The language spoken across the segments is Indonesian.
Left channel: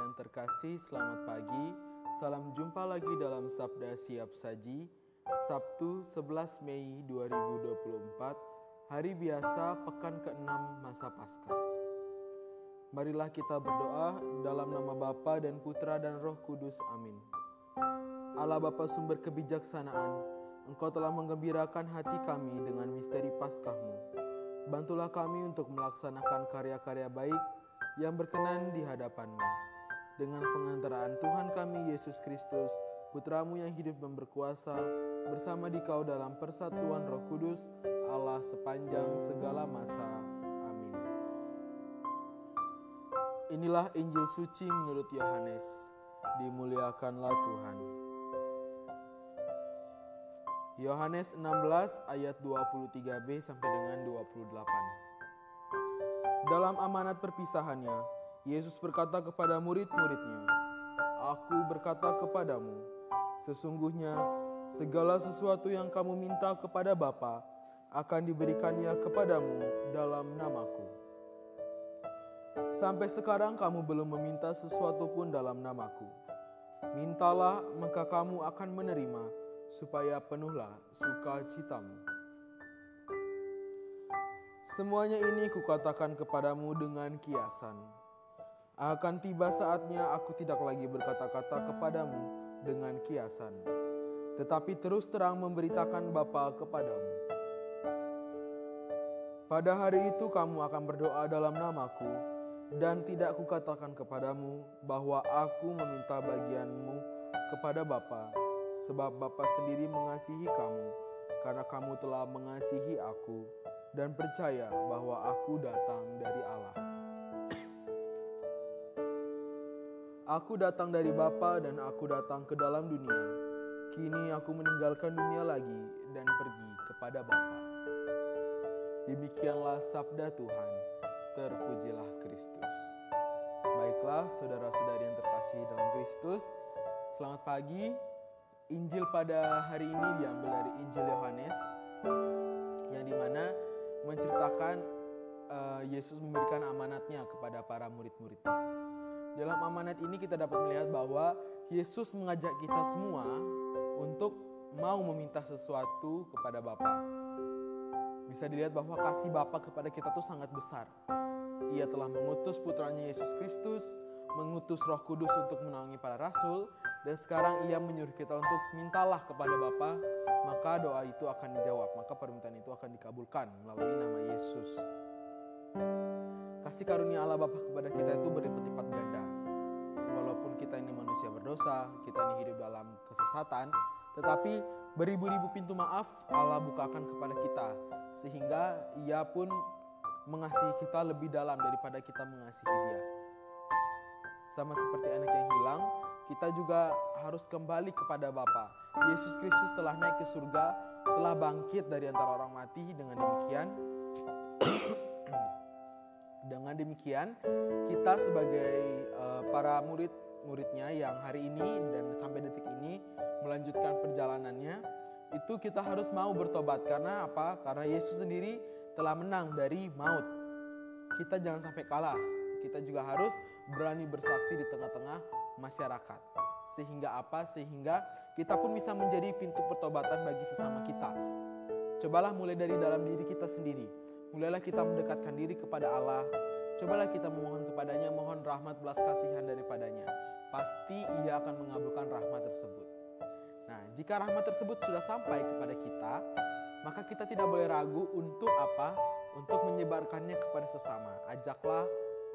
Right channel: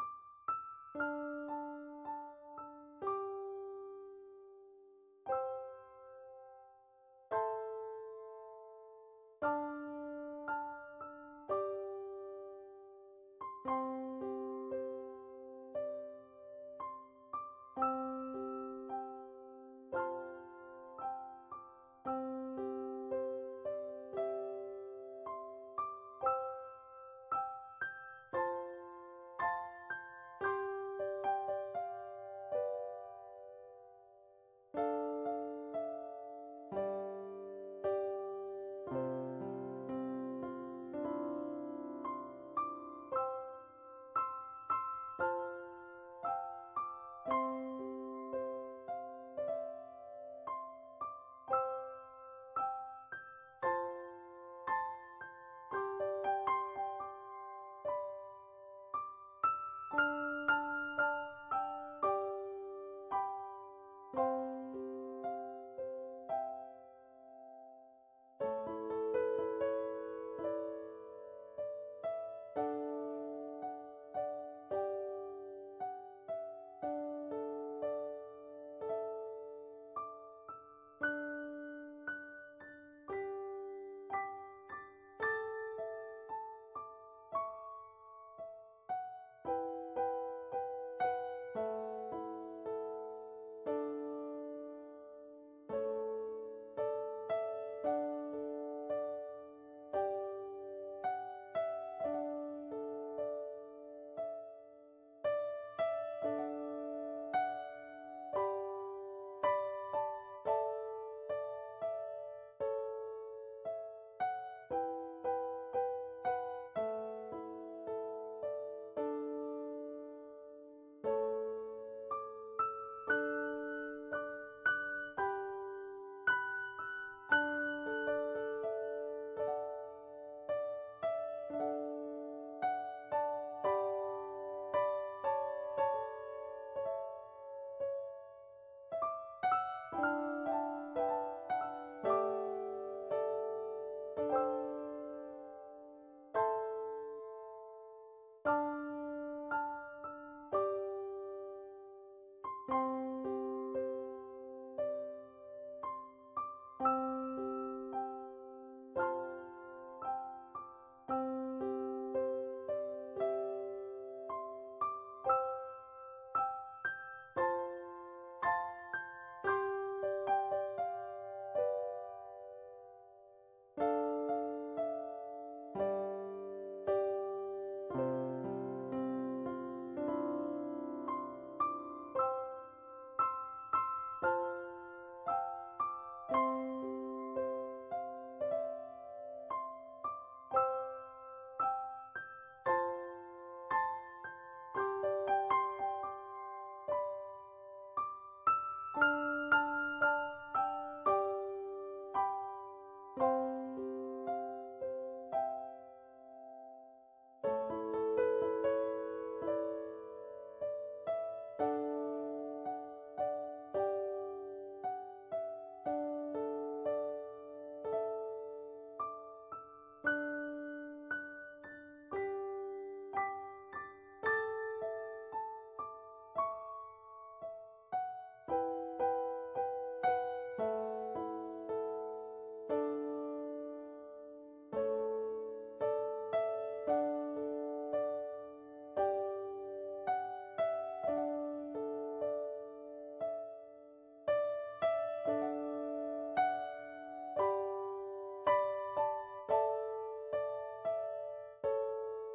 yang terkasih, selamat pagi. Salam jumpa lagi dalam Sabda Siap Saji, Sabtu 11 Mei 2024, hari biasa pekan ke-6 masa Paskah. Marilah kita berdoa dalam nama Bapa dan Putra dan Roh Kudus. Amin. Allah Bapa sumber kebijaksanaan, Engkau telah menggembirakan hati kami dengan misteri Paskah-Mu. Bantulah kami untuk melaksanakan karya-karya baik yang berkenan di hadapan-Mu. Dengan pengantaraan Tuhan kami Yesus Kristus, Putra-Mu yang hidup dan berkuasa, bersama Dikau dalam persatuan Roh Kudus, Allah sepanjang segala masa. Amin. Inilah Injil suci menurut Yohanes. Dimuliakanlah Tuhan. Yohanes 16 ayat 23b sampai dengan 28. Dalam amanat perpisahannya, Yesus berkata kepada murid-muridnya, "Aku berkata kepadamu, sesungguhnya segala sesuatu yang kamu minta kepada Bapa akan diberikannya kepadamu dalam namaku. Sampai sekarang kamu belum meminta sesuatu pun dalam namaku. Mintalah, maka kamu akan menerima, supaya penuhlah sukacitamu. Semuanya ini kukatakan kepadamu dengan kiasan. Akan tiba saatnya aku tidak lagi berkata-kata kepadamu dengan kiasan, tetapi terus terang memberitakan Bapa kepadamu. Pada hari itu kamu akan berdoa dalam namaku, dan tidak kukatakan kepadamu bahwa aku meminta bagianmu kepada Bapa, sebab Bapa sendiri mengasihi kamu, karena kamu telah mengasihi aku, dan percaya bahwa aku datang dari Allah. Aku datang dari Bapa dan aku datang ke dalam dunia. Kini aku meninggalkan dunia lagi dan pergi kepada Bapa." Demikianlah sabda Tuhan. Terpujilah Kristus. Baiklah saudara-saudari yang terkasih dalam Kristus, selamat pagi. Injil pada hari ini diambil dari Injil Yohanes, yang dimana menceritakan Yesus memberikan amanatnya kepada para murid-muridnya. Dalam amanat ini kita dapat melihat bahwa Yesus mengajak kita semua untuk mau meminta sesuatu kepada Bapa. Bisa dilihat bahwa kasih Bapa kepada kita itu sangat besar. Ia telah mengutus putranya Yesus Kristus, mengutus Roh Kudus untuk menaungi para rasul, dan sekarang ia menyuruh kita untuk mintalah kepada Bapa, maka doa itu akan dijawab, maka permintaan itu akan dikabulkan melalui nama Yesus. Kasih karunia Allah Bapa kepada kita itu berlipat-lipat ganda. Walaupun kita ini manusia berdosa, kita ini hidup dalam kesesatan, tetapi beribu-ribu pintu maaf Allah bukakan kepada kita, sehingga Ia pun mengasihi kita lebih dalam daripada kita mengasihi Dia. Sama seperti anak yang hilang, kita juga harus kembali kepada Bapa. Yesus Kristus telah naik ke surga, telah bangkit dari antara orang mati. Dengan demikian, kita sebagai para murid-muridnya yang hari ini dan sampai detik ini melanjutkan perjalanannya, itu kita harus mau bertobat. Karena apa? Karena Yesus sendiri telah menang dari maut. Kita jangan sampai kalah. Kita juga harus berani bersaksi di tengah-tengah masyarakat. Sehingga apa? Sehingga kita pun bisa menjadi pintu pertobatan bagi sesama kita. Cobalah mulai dari dalam diri kita sendiri. Mulailah kita mendekatkan diri kepada Allah. Cobalah kita memohon kepadanya, mohon rahmat belas kasihan daripadanya. Pasti Ia akan mengabulkan rahmat tersebut. Nah, jika rahmat tersebut sudah sampai kepada kita, maka kita tidak boleh ragu untuk apa? Untuk menyebarkannya kepada sesama. Ajaklah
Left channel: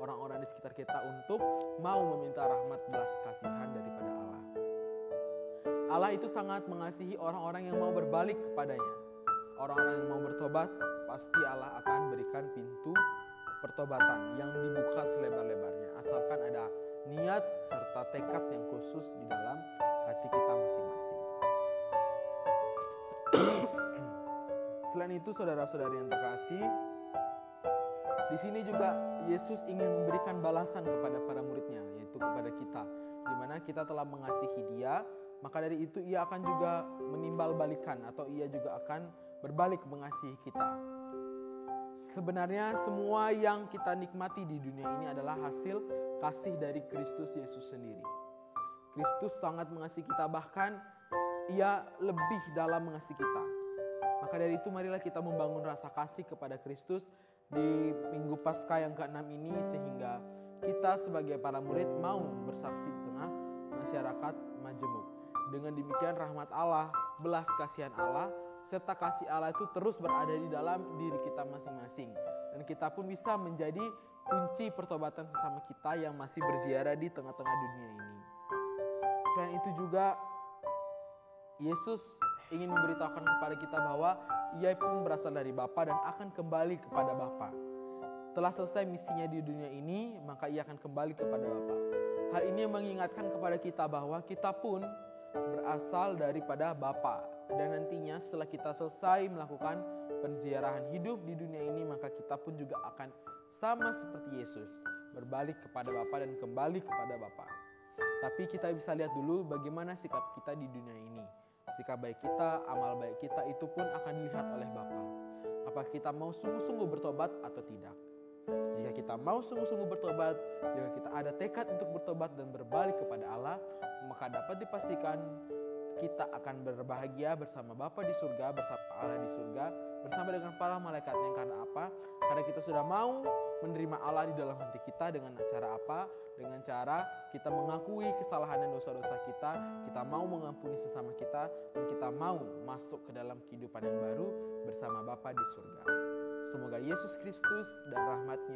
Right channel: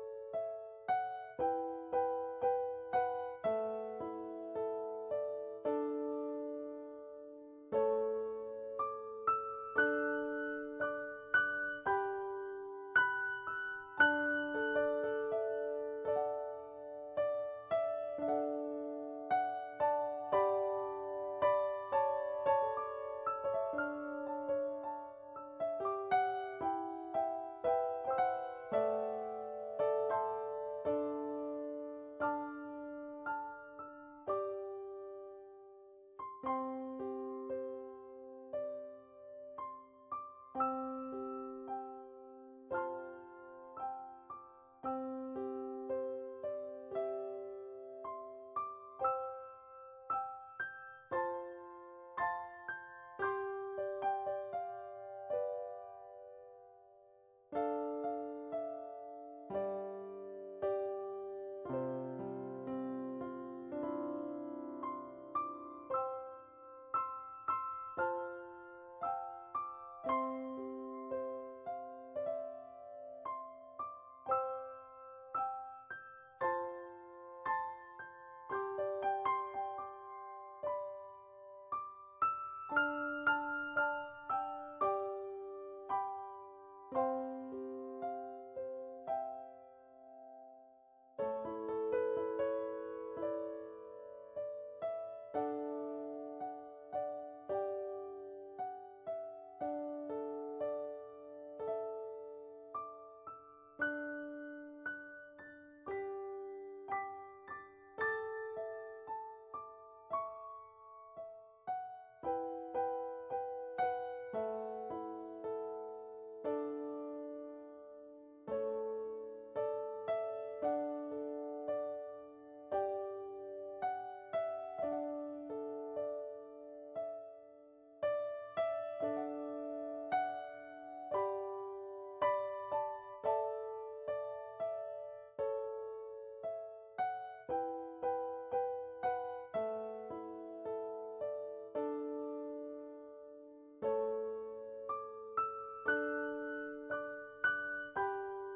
orang-orang di sekitar kita untuk mau meminta rahmat belas kasihan daripada Allah. Allah itu sangat mengasihi orang-orang yang mau berbalik kepadanya. Orang-orang yang mau bertobat, pasti Allah akan berikan pintu pertobatan yang dibuka selebar-lebarnya, asalkan ada niat serta tekad yang khusus di dalam hati kita masing-masing. Selain itu, saudara-saudari yang terkasih, di sini juga Yesus ingin memberikan balasan kepada para muridnya, yaitu kepada kita, di mana kita telah mengasihi Dia, maka dari itu Ia akan juga menimbal balikan, atau Ia juga akan berbalik mengasihi kita. Sebenarnya semua yang kita nikmati di dunia ini adalah hasil kasih dari Kristus Yesus sendiri. Kristus sangat mengasihi kita, bahkan Ia lebih dalam mengasihi kita. Maka dari itu marilah kita membangun rasa kasih kepada Kristus di Minggu Paskah yang ke-6 ini, sehingga kita sebagai para murid mau bersaksi di tengah masyarakat majemuk. Dengan demikian rahmat Allah, belas kasihan Allah, serta kasih Allah itu terus berada di dalam diri kita masing-masing. Dan kita pun bisa menjadi kunci pertobatan sesama kita yang masih berziarah di tengah-tengah dunia ini. Selain itu juga Yesus ingin memberitahukan kepada kita bahwa Ia pun berasal dari Bapa dan akan kembali kepada Bapa. Telah selesai misinya di dunia ini, maka Ia akan kembali kepada Bapa. Hal ini mengingatkan kepada kita bahwa kita pun berasal daripada Bapa. Dan nantinya setelah kita selesai melakukan penziarahan hidup di dunia ini, maka kita pun juga akan sama seperti Yesus, berbalik kepada Bapa dan kembali kepada Bapa. Tapi kita bisa lihat dulu bagaimana sikap kita di dunia ini. Sikap baik kita, amal baik kita itu pun akan dilihat oleh Bapa. Apakah kita mau sungguh-sungguh bertobat atau tidak? Jika kita mau sungguh-sungguh bertobat, jika kita ada tekad untuk bertobat dan berbalik kepada Allah, maka dapat dipastikan kita akan berbahagia bersama Bapa di surga, bersama Allah di surga, bersama dengan para malaikatnya. Karena apa? Karena kita sudah mau menerima Allah di dalam hati kita. Dengan cara apa? Dengan cara kita mengakui kesalahan dan dosa-dosa kita, kita mau mengampuni sesama kita, dan kita mau masuk ke dalam kehidupan yang baru bersama Bapa di surga. Semoga Yesus Kristus dan rahmat-Nya